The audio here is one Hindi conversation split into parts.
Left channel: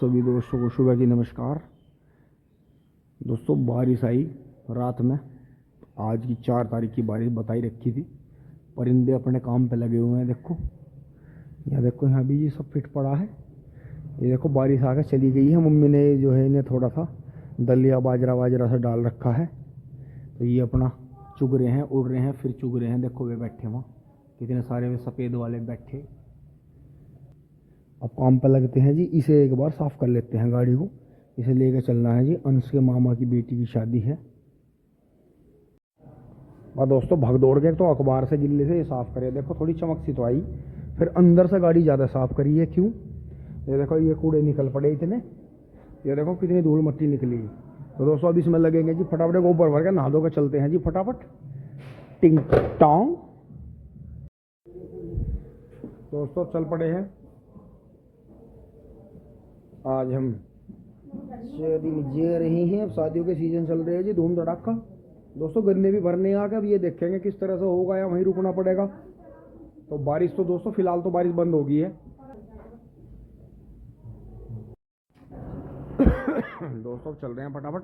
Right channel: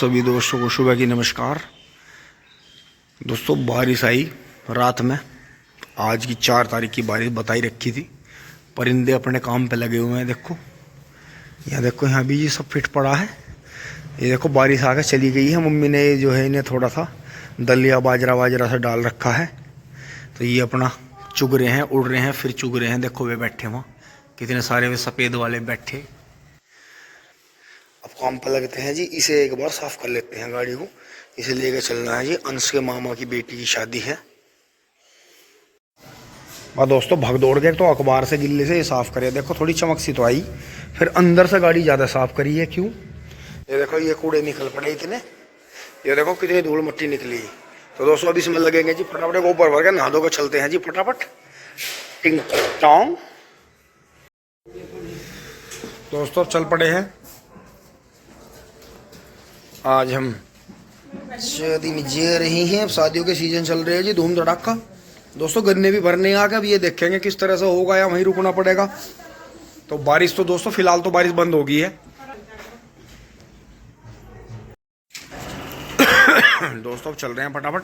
सभी दोस्तों को सुबह की नमस्कार। दोस्तों बारिश आई रात में, आज की 4 तारीख की बारिश बताई रखी थी। परिंदे अपने काम पे लगे हुए हैं। देखो यहाँ, देखो यहाँ भी ये सब फिट पड़ा है। ये देखो बारिश आकर चली गई है। मम्मी ने जो है इन्हें थोड़ा सा दलिया बाजरा से डाल रखा है, तो ये अपना चुग रहे हैं, उड़ रहे हैं, फिर चुग रहे हैं। देखो वे बैठे वहाँ कितने सारे वे सफ़ेद वाले बैठे। अब काम पर लगते हैं जी। इसे एक बार साफ़ कर लेते हैं गाड़ी को। इसे लेकर चलना है जी, अंश के मामा की बेटी की शादी है। और दोस्तों भाग दौड़ के तो अखबार से गिल्ले से ये साफ़ करे। देखो थोड़ी चमक सी तो आई, फिर अंदर से गाड़ी ज़्यादा साफ़ करी है। क्यों? ये देखो ये कूड़े निकल पड़े इतने। ये देखो कितनी धूल मट्टी निकली। तो दोस्तों अब इसमें लगेंगे जी फटाफट को ऊपर भर के नहा धो के चलते हैं जी फटाफट। टिंग टोंग। दोस्तों चल पड़े हैं। आज हम शादी में जा रही हैं। अब शादियों के सीजन चल रहे हैं जी, धूम धड़ाका। दोस्तों गन्ने भी भरने आ गए। अब ये देखेंगे किस तरह से होगा या वहीं रुकना पड़ेगा। तो बारिश तो दोस्तों फिलहाल तो बारिश बंद हो गई है। दोस्तों अब चल रहे हैं फटाफट।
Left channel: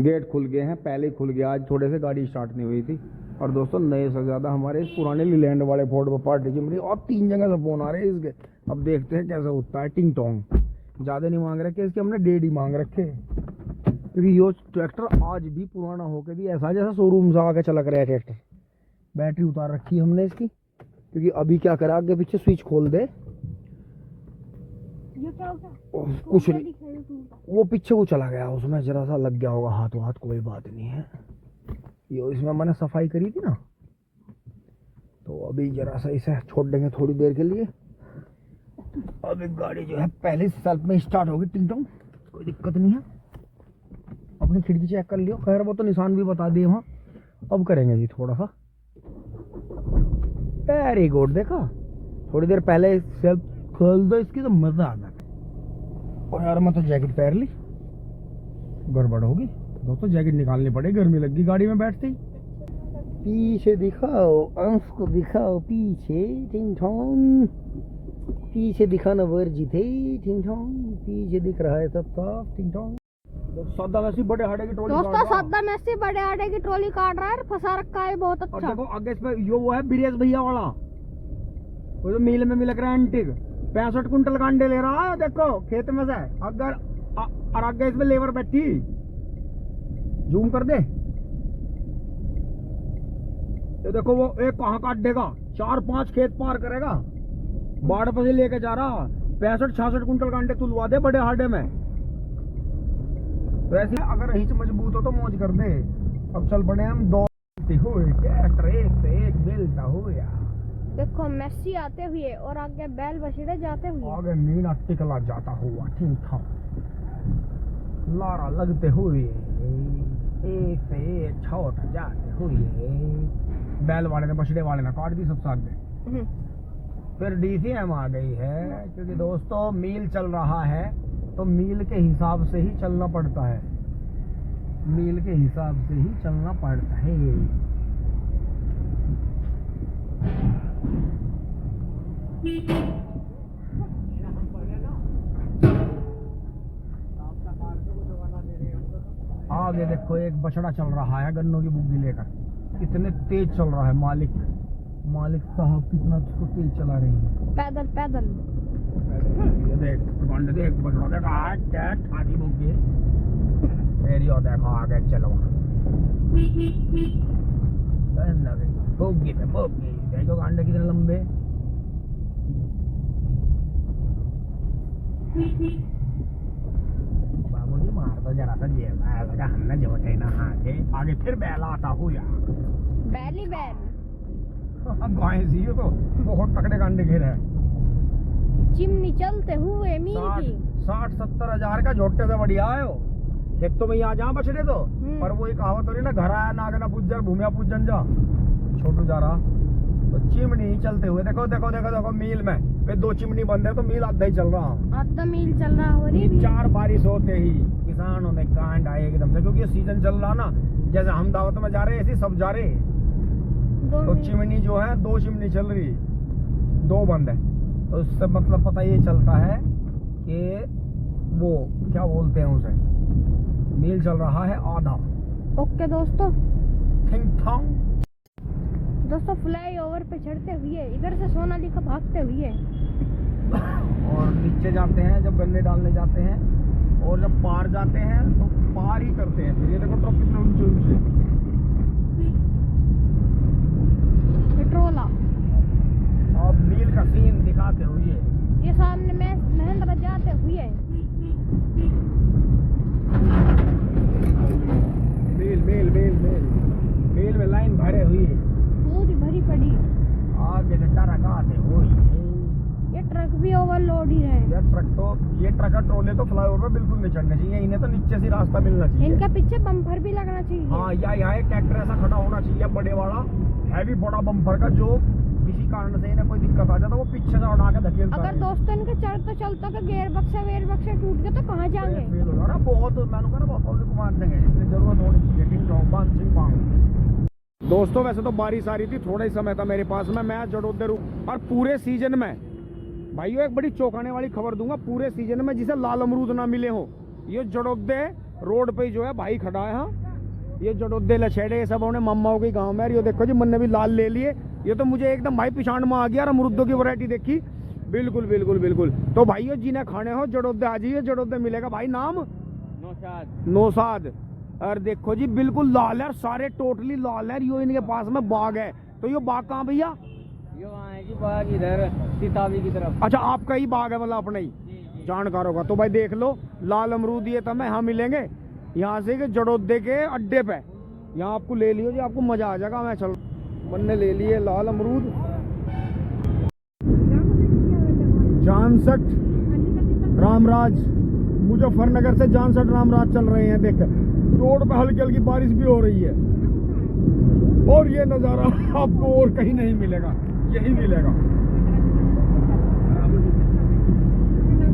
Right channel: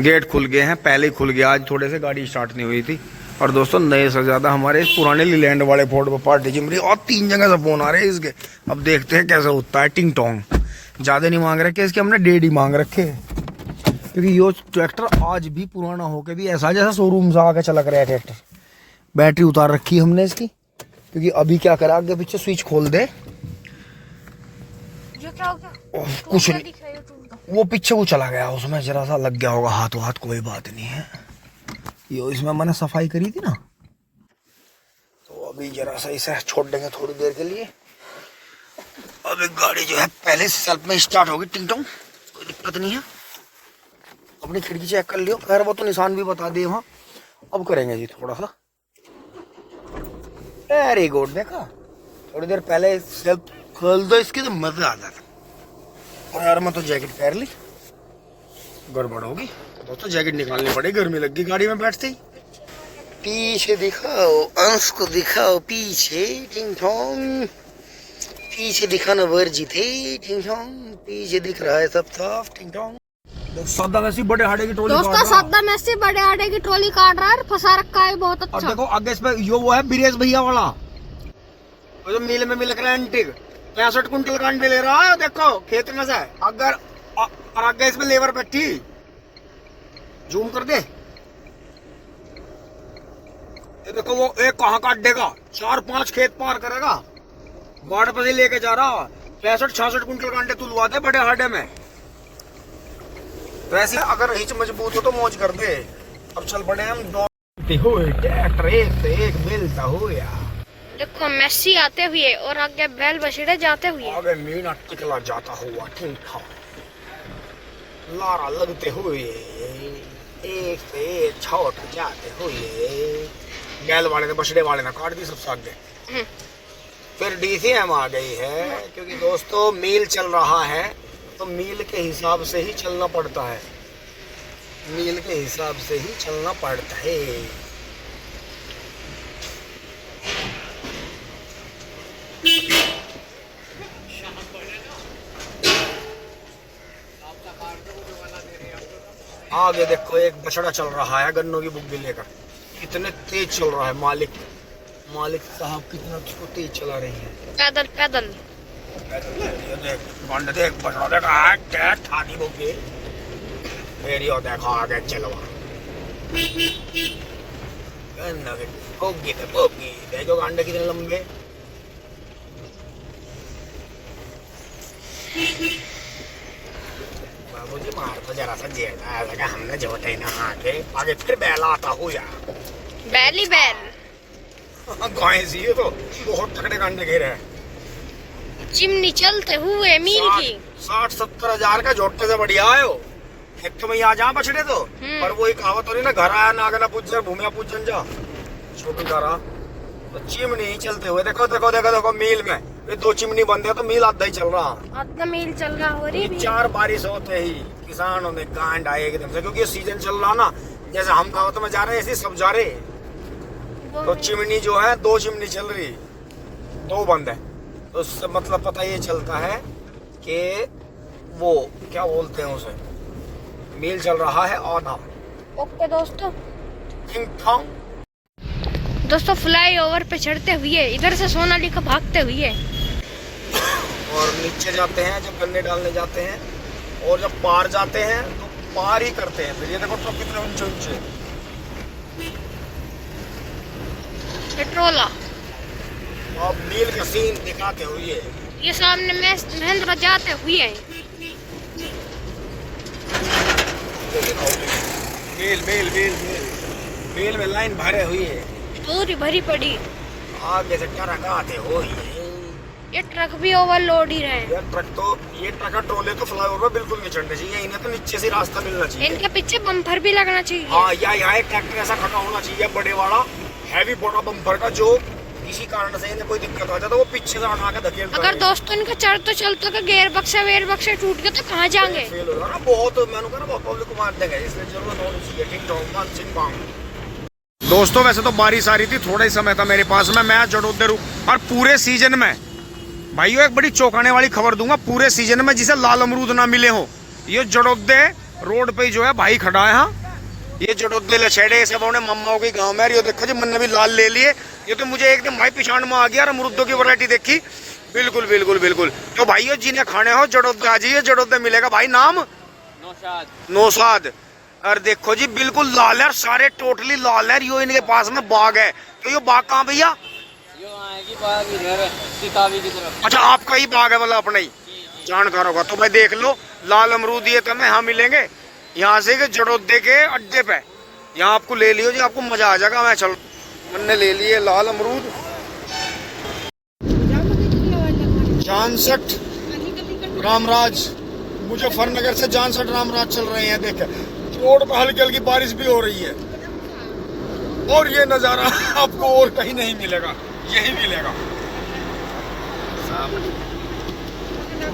गेट खुल गए हैं, पहले ही खुल गया। आज थोड़े से गाड़ी स्टार्ट नहीं हुई थी। और दोस्तों नए से ज़्यादा हमारे पुराने लीलैंड वाले फोर्ड पर पार्टी चिमरी और 3 जगह से फोन आ रहे हैं इसके। अब देखते हैं कैसे होता है। टिंग टोंग ज़्यादा नहीं मांग रखे इसके, हमने 1.5 ही मांग रखे, क्योंकि ये ट्रैक्टर आज भी पुराना होके भी ऐसा जैसा शोरूम से आके चलक रहा है ट्रैक्टर। बैटरी उतार रखी हमने इसकी, क्योंकि अभी क्या करा, आगे पीछे स्विच खोल दे। ये क्या हो गया? कुछ नहीं, वो पीछे को चला गया, उसमें जरा सा लग गया होगा हाथ, कोई बात नहीं है। ये इसमें मैंने सफाई करी थी ना, तो अभी जरा सा इसे छोड़ देंगे थोड़ी देर के लिए। अब एक गाड़ी जो है पहले से सेल्फ में स्टार्ट होगी। टिंग टोंग, कोई दिक्कत नहीं है। अपनी खिड़की चेक कर लियो, खैर वो तो निशान भी बता दिए वहाँ। अब करेंगे जी थोड़ा सा। Very good. देखा थोड़ी देर पहले सेल्फ खोल दो इसकी तो मजा आ जाता। और यार मैं तो जैकेट पहन ली, गड़बड़ होगी दोस्तों। जैकेट निकालनी पड़ेगी, गर्मी लग गई गाड़ी में बैठते ही। पीछे दिखाओ, अंश को दिखाओ पीछे। टिंग टोंग पीछे दिखाना वर्जित है। टिंग टोंग पीछे दिख रहा है सब साफ। टिंग टोंग सद्दा मैसी बड़े हाड़े की ट्रॉली दोस्तों सद्दा मैसी बड़े हाड़े की ट्रॉली काट रहा है, फंसा रखा है बहुत अच्छा। और देखो आगे इस पे यो वो है ब्रिजेश भैया वाला, वो जो मील में मिल रहा है एंटिक। 65 कुंटल का अंडे ले रहा है देखो खेत में से। अगर और आगे इसमें लेबर बैठी, जूम कर दे। ये देखो वो एक कहाँ काट देगा, 4-5 खेत पार करेगा। बाढ़ पर लेके जा रहा 65-66 कुंटल का अंडे तुलवा दे बड़े हाडे में। वैसे अगर हिच मजबूत हो तो मौज कर दे। अब चल पड़े हम दौड़ते हुए, ट्रैक्टर एक से एक मिलता हुआ। देखो मेसी आते हुए और आगे बैल बछड़े जाते हुए, आगे मीना टिकला जाता हुआ। ठीक था लारा लगते हुए, एक से एक छोट जाते हुए। बैल वाले ने बछड़े वाले ने काट दी सबसे आगे। फिर डीसीएम आ गई है, क्योंकि दोस्तों मील चल रहा है तो मील के हिसाब से ही चलना पड़ता है। मील के हिसाब से ही चलना पड़ता है। आगे देखो एक बछड़ा चल रहा है गन्नों की बुग्गी लेकर। कितने तेज चल रहा है मालिक साहब, कितना उसको तेज चला रही है। पैदल पैदल देख बछड़ा देखा ठानी बुग्गी। फिर यो देखो आगे चलो बुग्गी देखो अंडे कितने लंबे। बाबूजी मार तो जरा सा जेड़ा लगा, हमने जोटे ना आगे फिर बैल आता हुआ। बैल ही बैल गाय सी है तो बहुत तगड़े कांडे घेरे हैं। चिमनी चलते हुए मील की 60-70 हजार का झोटे से बढ़िया आयो। खेतों में आ जा बछड़े तो, पर वही कहावत हो रही ना, घर आया नागना पूजन भूमिया पूजन जा। छोटू जा रहा तो चिमनी चलते हुए। देखो देखो देखो देखो मील में ये 2 चिमनी बंद है तो मील आधा ही चल रहा। आधा मील चल रहा हो रही। 4 बारिश होते ही किसानों ने गांड आए एकदम से, क्योंकि सीजन चल रहा ना। जैसे हम दावत में जा रहे हैं ऐसे सब जा रहे। तो चिमनी जो है 2 चिमनी चल रही, 2 बंद है। तो उससे मतलब पता ये चलता है कि वो क्या बोलते हैं उसे, मेल चल रहा है आधा। ओके दोस्तों, थिंग थॉन्ग। दोस्तों फ्लाई ओवर पे चढ़ते हुए इधर से सोनालिका भागते हुए और नीचे जाते हैं जब गन्ने डालने जाते हैं, और जब पार जाते हैं तो पार ही करते हैं। फिर ये देखो तो कितने ऊंचे ऊंचे पेट्रोला। अब नील का सीन दिखाते हुए ये सामने महेंद्र जाते हुए मेल मेल मेल मेल मेल में लाइन भरे हुई है, दूरी भरी पड़ी। आगे से ट्रक आते हो ही है। ये ट्रक भी ओवरलोड ही रहे। ये ट्रक का ट्रोले तो फ्लाईओवर पे बिल्कुल नहीं चढ़ने चाहिए, इन्हें तो नीचे से रास्ता मिलना चाहिए। इनके पीछे बम्पर भी लगना चाहिए। हाँ, या यहाँ एक ट्रैक्टर ऐसा खड़ा होना चाहिए बड़े वाला, हैवी बड़ा बम्पर का, जो किसी कारण से इन्हें कोई दिक्कत आ जाए तो वो पीछे से उठा के धकेल। अगर दोस्तों इनका चढ़ते चलते के गेयर बक्से वेयर बक्से टूट गए तो कहाँ जाएंगे? फेल होगा ना बहुत, मैंने कहा ना बहुत पब्लिक को मार देंगे, इसलिए जरूरत होनी चाहिए। ठीक ठाक। दोस्तों वैसे तो बारिश आ रही थी, थोड़ा ही समय था मेरे पास में, मैं जड़ोदे रुक। और पूरे सीजन में भाइयों एक बड़ी चौंकाने वाली खबर दूंगा, पूरे सीजन में जिसे लाल अमरूद ना मिले हो, ये जड़ोदे रोड पे जो है भाई खड़ा है। हाँ, ये जड़ोदे लछेड़े सब उन्हें मम्माओं के गांव में। ये देखो जी, मैंने भी लाल ले लिए। ये तो मुझे एकदम भाई पिछाड़ में आ गया और अमरूदों की वैरायटी देखी। बिल्कुल बिल्कुल बिल्कुल। तो भाइयों जिन्हें खाने हो जड़ोदे आ जाइए, जड़ोदे मिलेगा। भाई नाम नौशाद। और देखो जी बिल्कुल लाल है, सारे टोटली लाल है। यो इनके पास में बाग है। तो ये बाग कहाँ भैया? की तरफ। अच्छा, आपका ही बाग है, मतलब अपना ही जानकार होगा। तो भाई देख लो, लाल अमरूद ये तो हमें यहाँ मिलेंगे, यहाँ से के जड़ोदे के अड्डे पे। यहाँ आपको ले लियो जी, आपको मजा आ जाएगा। मैं चल, मैंने ले लिए लाल अमरूद। जानसठ रामराज, मुजफ्फरनगर से जानसठ रामराज चल रहे हैं। देख रोड पर हल्की हल्की बारिश भी हो रही है, और ये नजारा आपको और कहीं नहीं मिलेगा, यही मिलेगा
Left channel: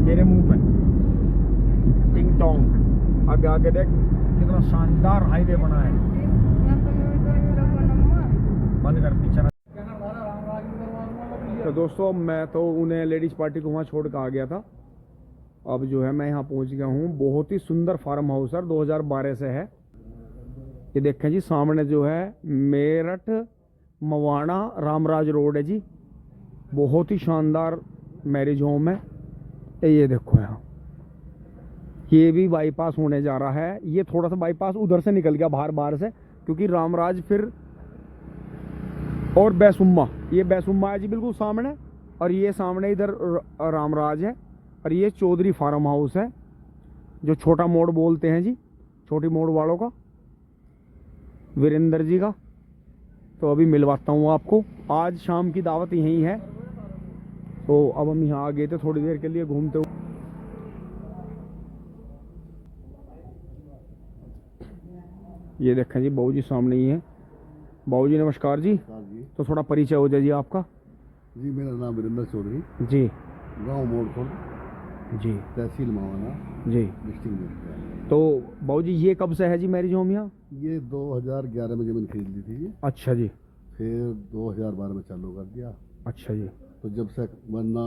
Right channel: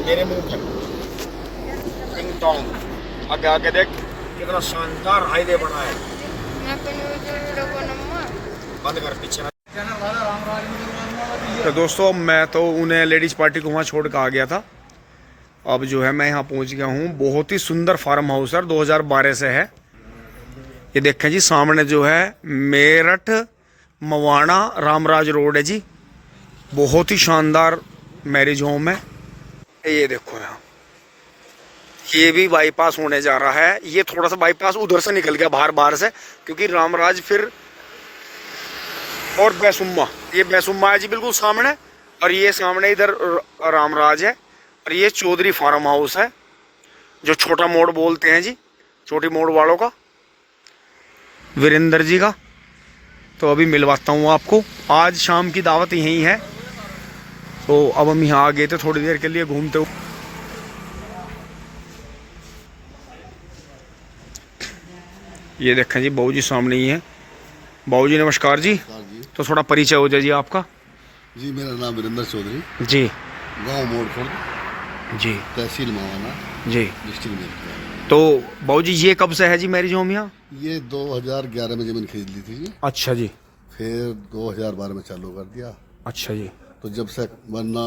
मेरे मुंह पे। King tong. आगे आगे देख कितना शानदार हाईवे बना है। बंद कर पीछे। तो दोस्तों मैं तो उन्हें लेडीज पार्टी को वहाँ छोड़ कर आ गया था। अब जो है मैं यहाँ पहुँच गया हूँ। बहुत ही सुंदर फार्म हाउस है, 2012 से है। ये देखें जी सामने जो है मेरठ मवाना रामराज रोड है जी। बहुत ही शानदार मैरिज होम है। ये देखो यहाँ, ये भी बाईपास होने जा रहा है। ये थोड़ा सा बाईपास उधर से निकल गया बाहर से, क्योंकि रामराज फिर और बैसुम्मा, ये बैसुम्मा है जी बिल्कुल सामने। और ये सामने इधर रामराज है। और ये चौधरी फार्म हाउस है, जो छोटा मोड़ बोलते हैं जी, छोटी मोड़ वालों का, वीरेंद्र जी का। तो अभी मिलवाता हूँ आपको। आज शाम की दावत यहीं है। तो अब हम यहाँ आ गए थे थोड़ी देर के लिए घूमते हुए। ये देखें जी बाबू जी सामने ही है। बाबू जी नमस्कार जी। तो थोड़ा परिचय हो जाए जी आपका। जी मेरा नाम वीरेंद्र चौधरी जी, गांव मोड़ खुर्द जी, तहसील मवाना जी। डिस्ट्रिक्ट में। तो बाबू जी ये कब से है जी मैरिज होम यहाँ? ये 2011 में जमीन खरीद ली थी जी, अच्छा जी, फिर 2012 में चालू कर दिया। अच्छा जी। तो जब से वरना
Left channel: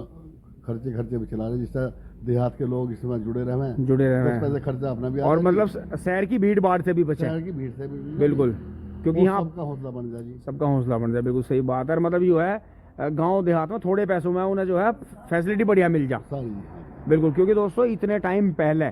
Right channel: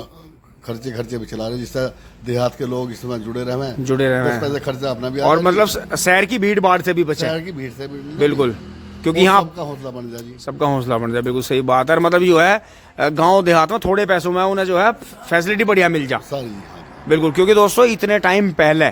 खर्चे भी चला रहे, जिससे देहात के लोग इसमें जुड़े रहे हैं, जुड़े रहे बस हैं। पैसे खर्चा अपना भी और मतलब शहर की भीड़ भाड़ से भी बचे। शहर की भीड़ से भी बिल्कुल, क्योंकि यहाँ सबका हौसला बन जाए जी, सबका हौसला बन जाए। बिल्कुल सही बात है। मतलब जो है गांव देहात में थोड़े पैसों में उन्हें जो है फैसिलिटी बढ़िया मिल जा। सारी। हाँ जी, बिल्कुल, क्योंकि दोस्तों इतने टाइम पहले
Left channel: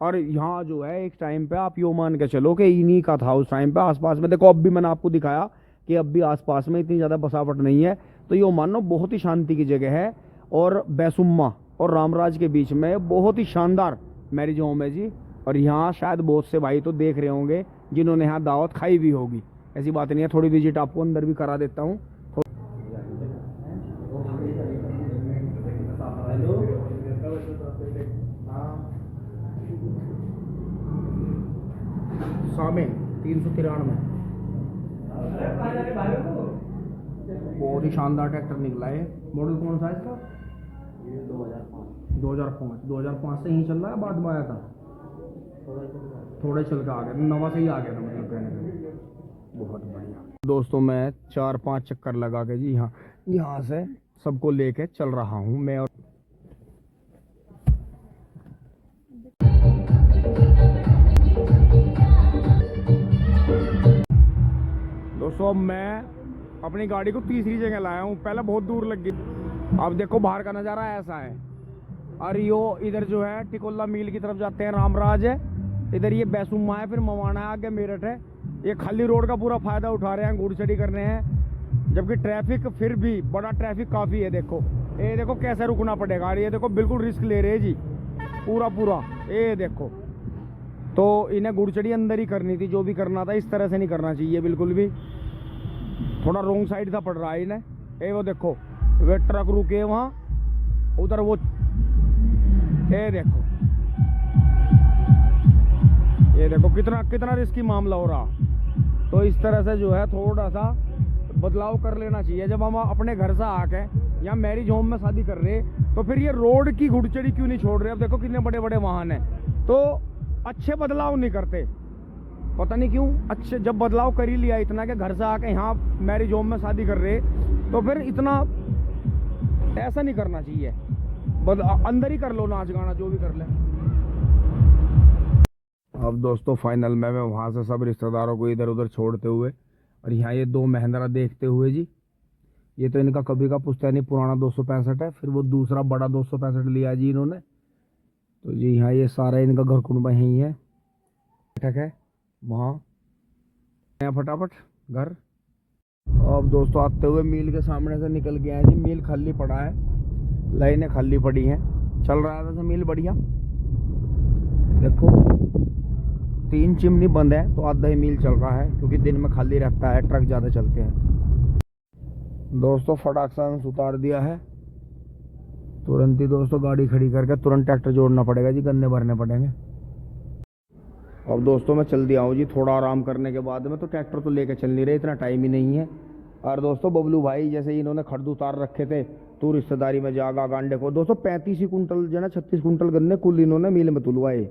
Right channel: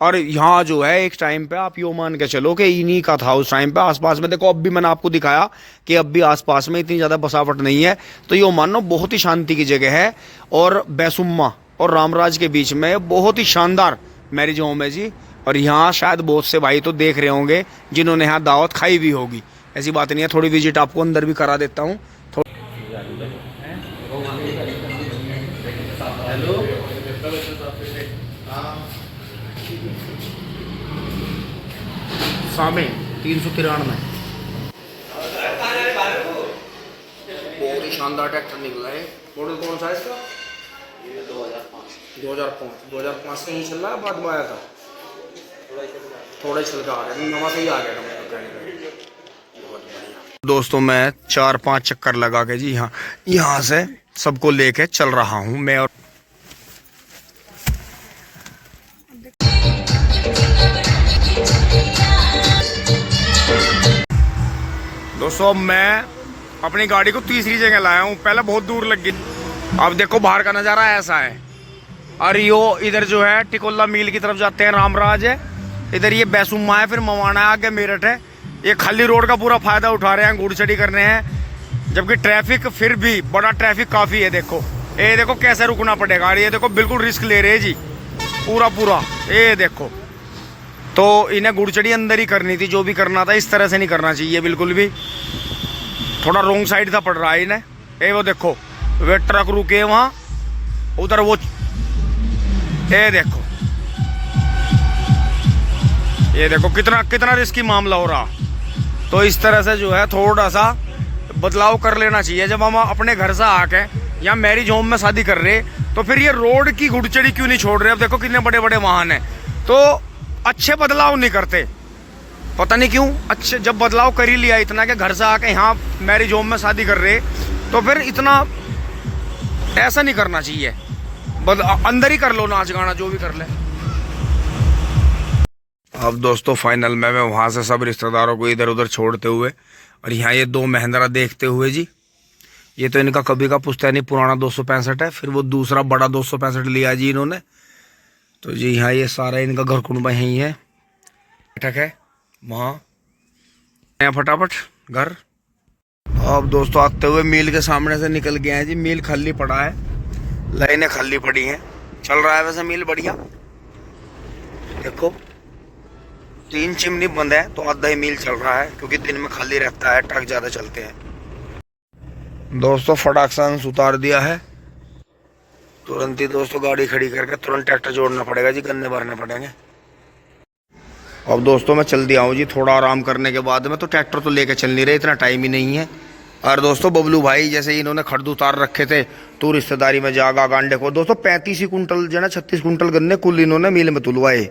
और यहाँ जो है एक टाइम पे आप यो मान के चलो कि इन्हीं का था उस टाइम पे। आसपास में देखो, अब भी मैंने आपको दिखाया कि अब भी आसपास में इतनी ज़्यादा बसावट नहीं है। तो यो मानो बहुत ही शांति की जगह है। और बैसुम्मा और रामराज के बीच में बहुत ही शानदार मैरिज होम है जी। और यहाँ शायद बहुत से भाई तो देख रहे होंगे जिन्होंने यहाँ दावत खाई भी होगी। ऐसी बात नहीं है। थोड़ी विजिट आपको अंदर भी करा देता हूँ। सामने 393 बहुत ही शानदार ट्रैक्टर निकला है। मॉडल कौन सा है इसका? ये 2005 से ही चल रहा है, बाद में आया था? थोड़ा ही चल के आ गया, नवा से ही आ गया। बहुत बढ़िया। दोस्तों मैं 4-5 चक्कर लगा के जी यहाँ से सबको लेके चल रहा हूँ मैं। और दोस्तों मैं अपनी गाड़ी को तीसरी जगह लाया हूँ, पहले बहुत दूर लग गई। अब देखो बाहर का नज़ारा ऐसा है। और यो इधर जो है टिकोला मील की तरफ जाते हैं, रामराज है इधर, ये बैसुमा है, फिर मवाना है, आगे मेरठ है। ये खाली रोड का पूरा फायदा उठा रहे हैं, घुड़चढ़ी करने हैं, जबकि ट्रैफिक फिर भी बड़ा ट्रैफिक काफ़ी है। देखो ये देखो कैसे रुकना पड़ेगा, ये देखो बिल्कुल रिस्क ले रहे हैं जी पूरा। ये देखो तो इन्हें घुड़चढ़ी अंदर ही करनी थी, जो भी करना था इस तरह से नहीं करना चाहिए बिल्कुल भी। थोड़ा रोंग साइड था पड़ रहा है इन्हें। ये वो देखो वे ट्रक रुके वहाँ उधर, वो ये देखो, ये देखो कितना रिस्की मामला हो रहा। तो इस तरह से जो है थोड़ा सा बदलाव कर लेना चाहिए। जब हम अपने घर से आके या मैरिज होम में शादी कर रहे तो फिर ये रोड की घुड़चढ़ी क्यों नहीं छोड़ रहे। अब देखो कितने बड़े बड़े वाहन हैं, तो अच्छे बदलाव नहीं करते, पता नहीं क्यों। अच्छे जब बदलाव कर ही लिया इतना कि घर से आके यहाँ मैरिज होम में शादी कर रहे, तो फिर इतना ऐसा नहीं करना चाहिए। अंदर ही कर लो नाच गाना जो भी कर ले। अब दोस्तों फाइनल में मैं वहाँ से सब रिश्तेदारों को इधर उधर छोड़ते हुए और यहाँ ये 2 महिंद्रा देखते हुए जी, ये तो इनका कभी का पुश्तैनी पुराना 265 है, फिर वो दूसरा बड़ा 265 लिया जी इन्होंने। तो जी यहाँ ये सारा इनका घर कुंबा यहीं है, बैठक है वहाँ फटाफट घर। अब दोस्तों आते हुए मील के सामने से निकल गए हैं जी, मील खाली पड़ा है, लाइनें खाली पड़ी हैं, चल रहा है वैसे मील बढ़िया। देखो 3 चिमनी बंद है तो आधा ही मील चल रहा है, क्योंकि दिन में खाली रहता है, ट्रक ज़्यादा चलते हैं। दोस्तों फटाक से उतार दिया है, तुरंत ही दोस्तों गाड़ी खड़ी करके तुरंत ट्रैक्टर जोड़ना पड़ेगा जी, गन्ने भरने पड़ेंगे। अब दोस्तों मैं चल दिया हूँ जी, थोड़ा आराम करने के बाद में तो ट्रैक्टर तो लेके चल नहीं रहे, इतना टाइम ही नहीं है। और दोस्तों बबलू भाई जैसे इन्होंने खड्ड उतार रखे थे तो रिश्तेदारी में जागा गांडे को दोस्तों 35 ही कुंटल जो है ना 36 कुंटल गन्ने कुल इन्होंने मील में तुलवाए।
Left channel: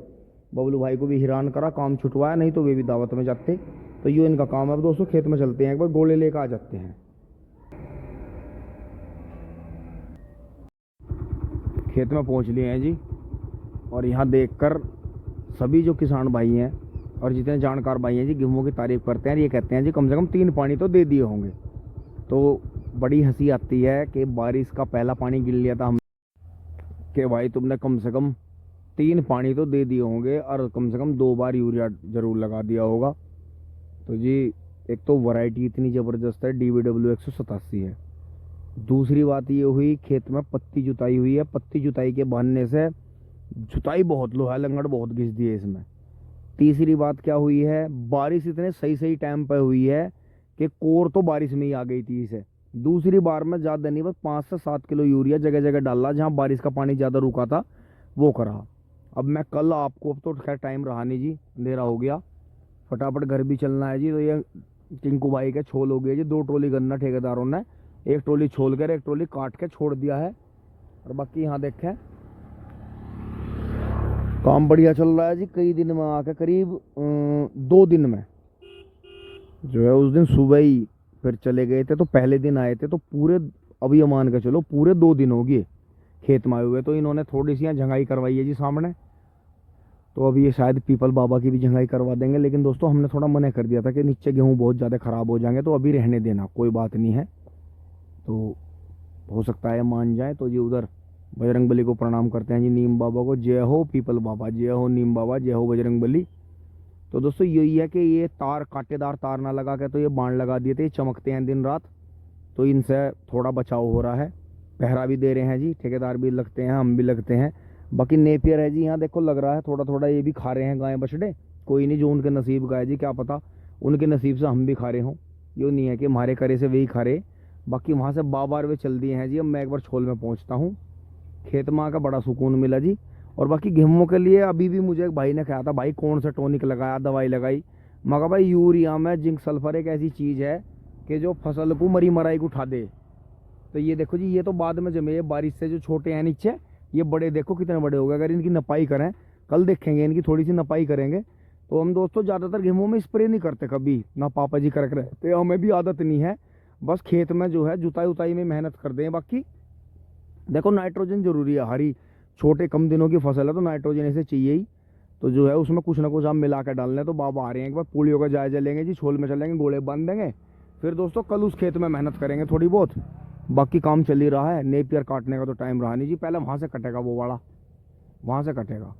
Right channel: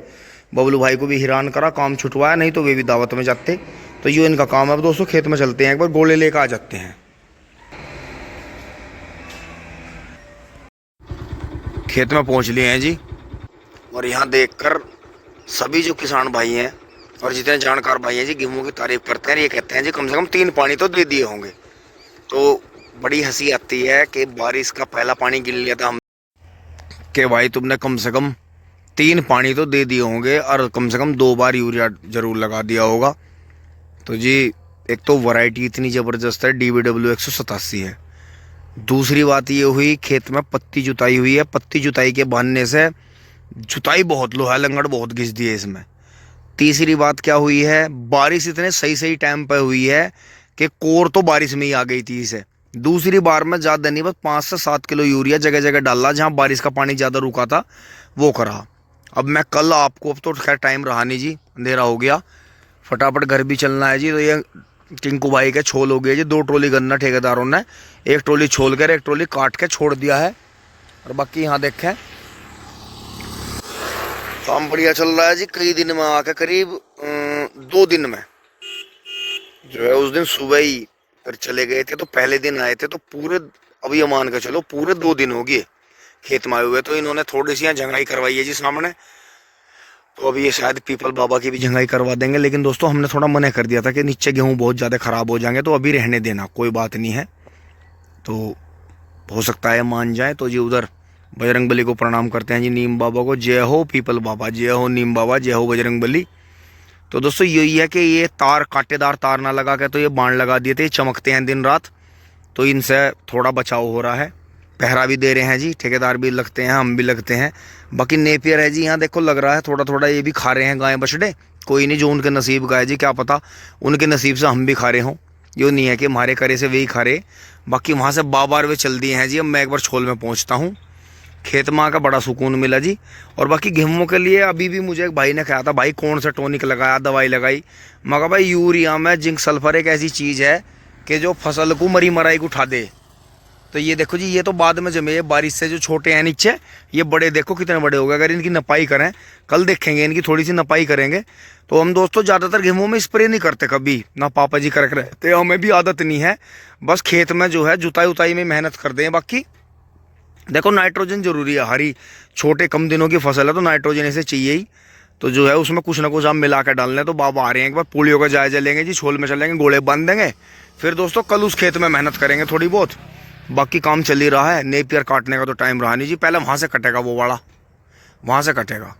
बबलू भाई को भी हैरान करा, काम छुटवाया, नहीं तो वे भी दावत में जाते। तो ये इनका काम है। अब दोस्तों खेत में चलते हैं, एक बार गोले लेकर आ जाते हैं। खेत में पहुंच लिए हैं जी, और यहाँ देखकर सभी जो किसान भाई हैं और जितने जानकार भाई हैं जी गेहूं की तारीफ करते हैं। ये कहते हैं जी कम से कम 3 पानी तो दे दिए होंगे। तो बड़ी हंसी आती है कि बारिश का पहला पानी गिन लिया था हम, कि भाई तुमने कम से कम 3 पानी तो दे दिए होंगे और कम से कम 2 बार यूरिया जरूर लगा दिया होगा। तो जी एक तो वैरायटी इतनी ज़बरदस्त है, DBW 187 है। दूसरी बात ये हुई खेत में पत्ती जुताई हुई है, पत्ती जुताई के बहाने से जुताई बहुत लोहा लंगड़ बहुत घिस दी है इसमें। तीसरी बात क्या हुई है, बारिश इतने सही टाइम पर हुई है कि कोर तो बारिश में ही आ गई थी इसे। दूसरी बार में ज़्यादा नहीं, बस 5 से 7 किलो यूरिया जगह जगह डाला, जहाँ बारिश का पानी ज़्यादा रुका था वो करा। अब मैं कल आपको, अब तो खैर टाइम रहा नहीं जी, अंधेरा हो गया, फटाफट घर भी चलना है जी। तो ये टिंकू भाई के छोल हो गए जी, 2 ट्रॉली गन्ना ठेकेदारों ने 1 ट्रॉली छोल कर 1 ट्रॉली काट के छोड़ दिया है। और बाकी यहाँ देखें काम बढ़िया चल रहा है जी। कई दिन में आके करीब 2 दिन में जो है, उस दिन सुबह ही फिर चले गए थे, तो पहले दिन आए थे तो पूरे, अब ये मान के चलो पूरे 2 दिन हो गए खेत में आए हुए। तो इन्होंने थोड़ी सी यहाँ झंगाई करवाई है जी सामने, तो अभी ये शायद पीपल बाबा की भी झंगाई करवा देंगे। लेकिन दोस्तों हमने थोड़ा मना कर दिया था कि नीचे गेहूँ बहुत ज़्यादा ख़राब हो जाएंगे, तो अभी रहने देना, कोई बात नहीं है, तो हो सकता है मान जाए। तो जी उधर बजरंगबली को प्रणाम करते हैं जी, नीम बाबा को, जय हो पीपल बाबा, जय हो नीम बाबा, जय हो बजरंगबली। तो दोस्तों यही है कि ये तार कांटेदार तार ना लगा के तो ये बाण लगा दिए थे, ये चमकते हैं दिन रात, तो इनसे थोड़ा बचाव हो रहा है। पहरा भी दे रहे हैं जी, ठेकेदार भी लगते हैं, हम भी लगते हैं। बाकी नेपियर है जी, यहाँ देखो लग रहा है थोड़ा थोड़ा ये भी खा रहे हैं गाय बछड़े, कोई नहीं, जो उनके नसीब का है जी, क्या पता उनके नसीब से हम भी खा रहे हों, यो नहीं है कि हमारे करे से वही खा रहे। बाकी वहाँ से बार वे चल दिए हैं जी। अब मैं एक बार छोल में पहुँचता हूँ, खेत में आकर बड़ा सुकून मिला जी। और बाकी गेहूँ के लिए अभी भी मुझे एक भाई ने कहा था, भाई कौन सा टॉनिक लगाया, दवाई लगाई। मैं कहा भाई यूरिया में जिंक सल्फर एक ऐसी चीज़ है कि जो फसल को मरी मराई को उठा दे। तो ये देखो जी, ये तो बाद में जमे, बारिश से जो छोटे हैं नीचे, ये बड़े देखो कितने बड़े हो गए। अगर इनकी नपाई करें, कल देखेंगे इनकी थोड़ी सी नपाई करेंगे। तो हम दोस्तों ज़्यादातर गेहूँ में स्प्रे नहीं करते कभी, ना पापा जी करके रहते, हमें भी आदत नहीं है। बस खेत में जो है जुताई उताई में मेहनत कर दें। बाकी देखो नाइट्रोजन जरूरी है, हरी छोटे कम दिनों की फसल है तो नाइट्रोजन ऐसे चाहिए ही। तो जो है उसमें कुछ ना कुछ हम मिला कर डाल लें। तो बाबा आ रहे हैं, एक बार पूलियों का जायजा लेंगे जी, छोल में चलेंगे, गोले बांध देंगे, फिर दोस्तों कल उस खेत में मेहनत करेंगे थोड़ी बहुत। बाकी काम चल ही रहा है। नेपियर काटने का तो टाइम रहा नहीं जी, पहले वहां से कटेगा, वो वाला वहां से कटेगा।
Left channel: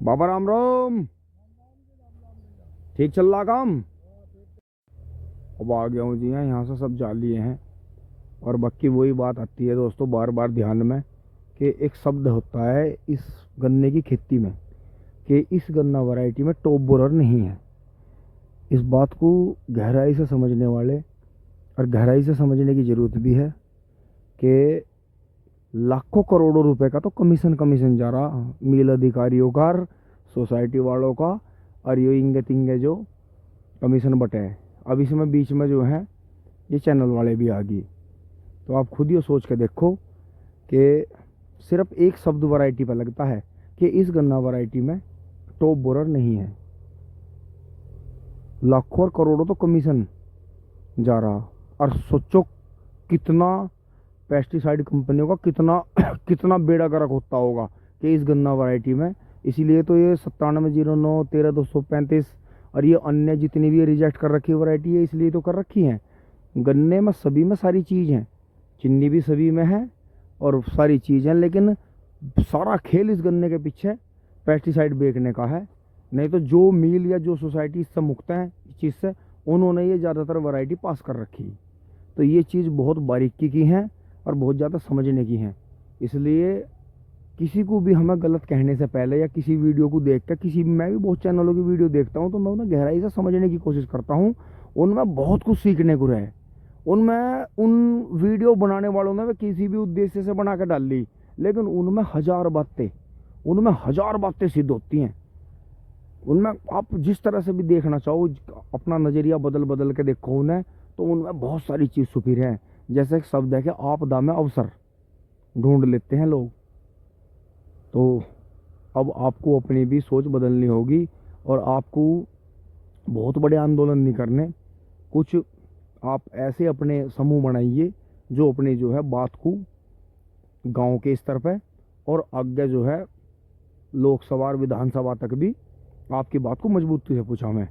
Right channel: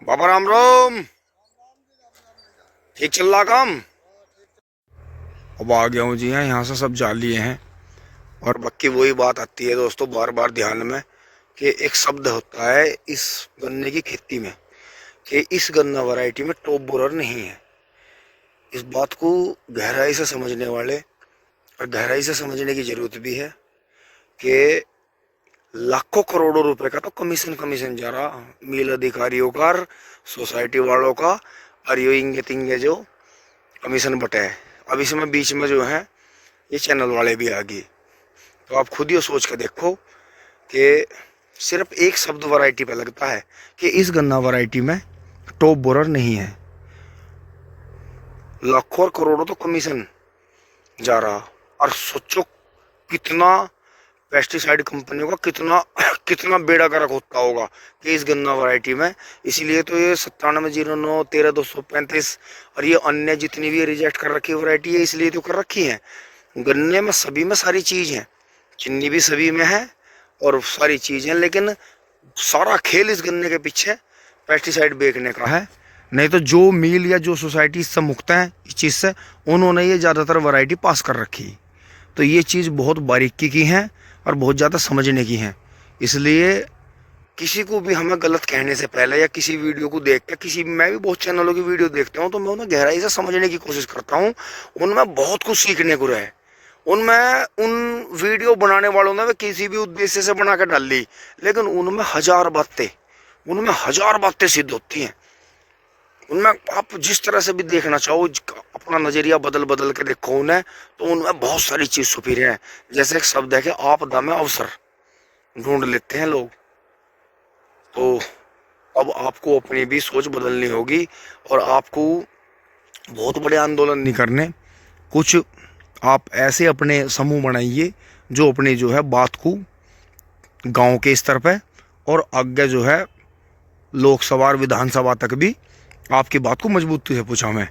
बाबा राम राम, ठीक चल रहा काम? अब आ गया हूँ जी। यहाँ से सब जा लिए हैं। और बाकी वही बात आती है दोस्तों बार बार ध्यान में कि एक शब्द होता है इस गन्ने की खेती में कि इस गन्ना वैरायटी में टॉप बोरर नहीं है। इस बात को गहराई से समझने वाले और गहराई से समझने की ज़रूरत भी है कि लाखों करोड़ों रुपए का तो कमीशन जा रहा मिल अधिकारियों का, सोसाइटी वालों का, और ये इंगे तिंगे जो कमीशन बटे है। अब इसमें बीच में जो है ये चैनल वाले भी आ गए। तो आप खुद ही सोच के देखो कि सिर्फ एक शब्द वैरायटी पे लगता है कि इस गन्ना वैरायटी में टॉप बोरर नहीं है। लाखों और करोड़ों तो कमीशन जा रहा। और सोचो कितना पेस्टिसाइड कंपनियों का कितना बेड़ा गर्क होता होगा कि इस गन्ना वैरायटी में। इसीलिए तो ये 9709, 13235 और ये अन्य जितनी भी रिजेक्ट कर रखी वैरायटी है इसलिए तो कर रखी है। गन्ने में सभी में सारी चीज़ है, चीनी भी सभी में है और सारी चीज़ है, लेकिन सारा खेल इस गन्ने के पीछे पेस्टिसाइड बेचने का है। नहीं तो जो मिल या जो सोसाइटी इससे मुक्त है इस चीज़ से, उन्होंने ये ज़्यादातर वैरायटी पास कर रखी। तो ये चीज़ बहुत बारीकी की है और बहुत ज़्यादा समझने की है। इसलिए किसी को भी हमें गलत कहने से पहले या किसी वीडियो को देख के, मैं भी बहुत चैनलों की वीडियो देखता हूँ तो मैं उन्हें गहराई से समझने की कोशिश करता हूँ। उनमें बहुत कुछ सीखने को रहे। उन वीडियो बनाने वालों ने वे किसी भी उद्देश्य से बना के डाल ली, लेकिन उनमें हज़ार बातें सिद्ध होती हैं। उनमें आप जिस तरह से भी देखना चाहो, अपना नज़रिया बदल के देखो उन्हें, तो उनमें बहुत सारी चीज़ छुपी है। जैसे एक शब्द है कि आपदा में अवसर ढूंढ लेते हैं लोग। तो अब आपको अपनी भी सोच बदलनी होगी और आपको बहुत बड़े आंदोलन नहीं करने। कुछ आप ऐसे अपने समूह बनाइए जो अपनी जो है बात को गांव के स्तर पे और आगे जो है लोकसभा और विधानसभा तक भी आपकी बात को मजबूती से पूछा मैं।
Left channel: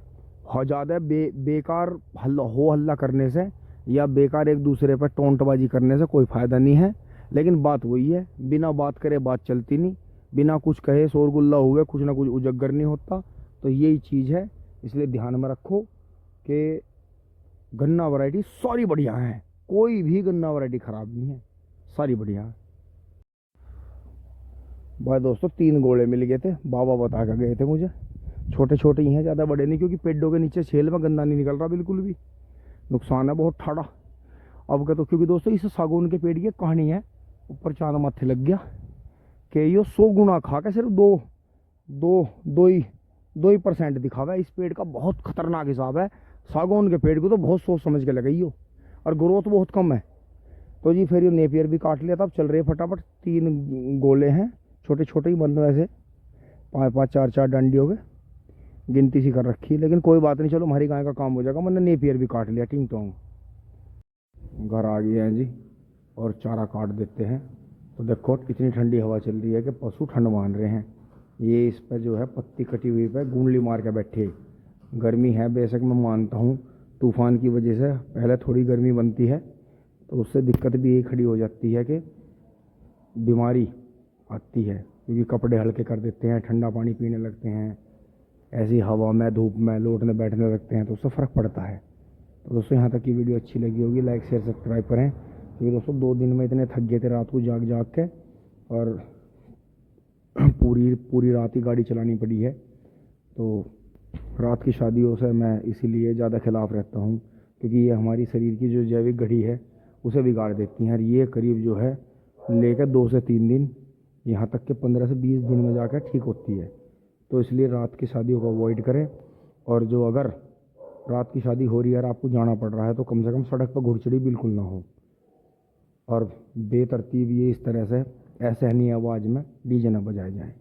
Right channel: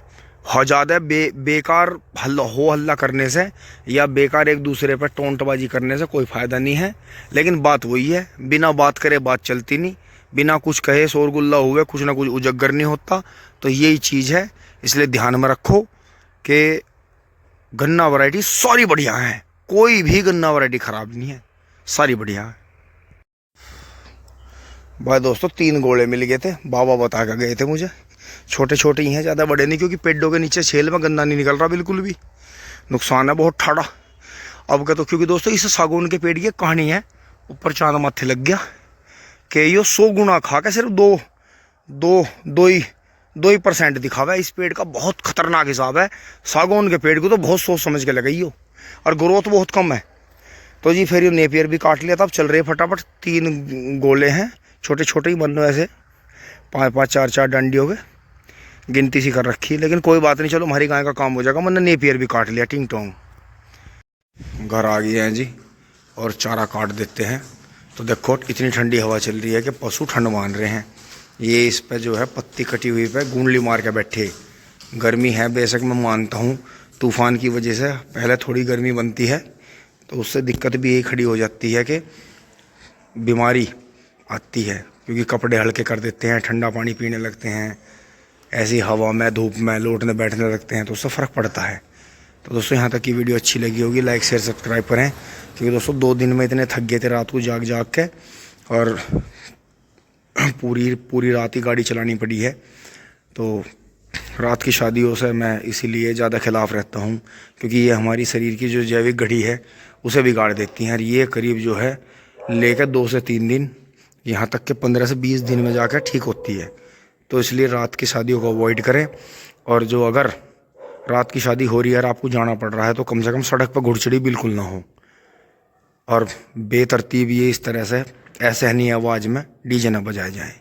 ज़्यादा बेकार हल्ला करने से या बेकार एक दूसरे पर टोंटबाजी करने से कोई फ़ायदा नहीं है। लेकिन बात वही है, बिना बात करे बात चलती नहीं, बिना कुछ कहे शोरगुल्ला हुए कुछ ना कुछ उजागर नहीं होता। तो यही चीज़ है, इसलिए ध्यान में रखो कि गन्ना वैरायटी सारी बढ़िया है, कोई भी गन्ना वैरायटी ख़राब नहीं है, सारी बढ़िया है। भाई दोस्तों 3 गोले मिल गए थे, बाबा बता के गए थे मुझे। छोटे छोटे ही हैं, ज़्यादा बड़े नहीं, क्योंकि पेड़ों के नीचे छेल में गन्ना नहीं निकल रहा बिल्कुल भी। नुकसान है बहुत ठाड़ा। अब का तो क्योंकि दोस्तों इस सागौन के पेड़ की कहानी है, ऊपर चांद माथे लग गया कि ये 100 गुना खा के सिर्फ दो ही % दिखावा है। इस पेड़ का बहुत खतरनाक हिसाब है। सागौन के पेड़ को तो बहुत सोच समझ के लगाई हो और ग्रोथ बहुत कम है। तो जी फिर ये नेपियर भी काट लिया था। अब चल रहे फटाफट 3 गोले हैं, छोटे छोटे ही बन रहे ऐसे 5-5, 4-4 डंडियों के गिनती सी कर रखी है। लेकिन कोई बात नहीं, चलो हमारी गाय का काम हो जाएगा। मैंने नेपियर भी काट लिया टिंग टोंग। घर आ गए हैं जी और चारा काट देते हैं। तो देखो इतनी ठंडी हवा चल रही है कि पशु ठंड मान रहे हैं। ये इस पे जो है पत्ती कटी हुई पे गूंडली मार के बैठे। गर्मी है बेशक, मैं मानता हूँ तूफ़ान की वजह से पहले थोड़ी गर्मी बनती है, तो उससे दिक्कत भी यही खड़ी हो जाती है कि बीमारी आती है, क्योंकि कपड़े हल्के कर देते हैं, ठंडा पानी पीने लगते हैं, ऐसी हवा में धूप में लौटने बैठने लगते हैं, तो उससे फ़र्क पड़ता है। तो दोस्तों यहाँ तक की वीडियो अच्छी लगी होगी, लाइक शेयर सब्सक्राइब करें, क्योंकि दोस्तों 2 दिन में इतने थक गए थे रात को जाग के, और पूरी रात ही गाड़ी चलानी पड़ी है। तो रात की शादियों से मैं इसीलिए ज़्यादा खिलाफ़ रहता हूँ, क्योंकि ये हमारी शरीर की जो जैविक घड़ी है उसे बिगाड़ देती हैं। और ये करीब जो है लेकर 2 से 3 दिन, यहाँ तक के 15 से 20 दिन में जाकर ठीक होती है। तो इसलिए रात की शादियों को अवॉइड करें। और जो अगर रात की शादी हो रही है और आपको जाना पड़ रहा है, तो कम से कम सड़क पर घुड़चड़ी बिल्कुल ना हो, और बेतरतीब ये इस तरह से असहनीय आवाज़ में डीजे न बजाए जाए।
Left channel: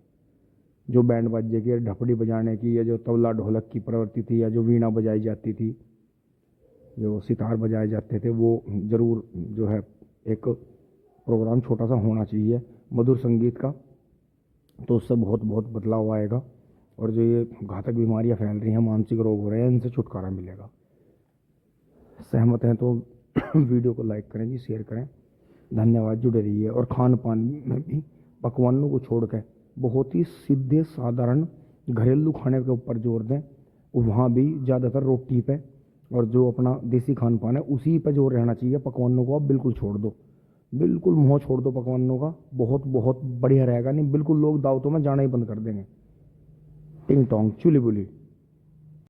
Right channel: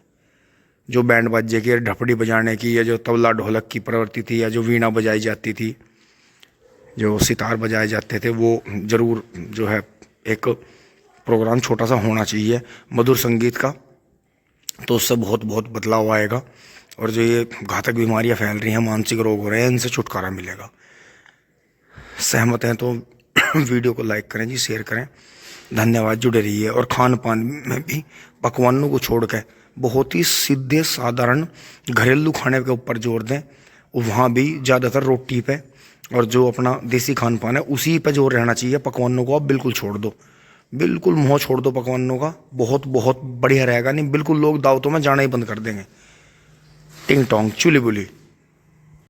जो बैंड बाजे की, ढपड़ी बजाने की, या जो तबला ढोलक की प्रवृत्ति थी, या जो वीणा बजाई जाती थी, जो सितार बजाए जाते थे, वो ज़रूर जो है एक प्रोग्राम छोटा सा होना चाहिए मधुर संगीत का। तो उससे बहुत बदलाव आएगा। और जो ये घातक बीमारियां फैल रही हैं, मानसिक रोग हो रहे हैं, इनसे छुटकारा मिलेगा। सहमत हैं तो वीडियो को लाइक करें जी, शेयर करें। धन्यवाद। जुड़े रहिए। और खान पान में भी पकवानों को छोड़ के बहुत ही सीधे साधारण घरेलू खाने के ऊपर जोर दें। वहाँ भी ज़्यादातर रोटी पे और जो अपना देसी खान पान है उसी पे जोर रहना चाहिए। पकवानों को आप बिल्कुल छोड़ दो, बिल्कुल मुँह छोड़ दो पकवानों का। बहुत बहुत बढ़िया रहेगा। नहीं बिल्कुल लोग दावतों में जाना ही बंद कर देंगे। टिंग टोंग चुली बुली।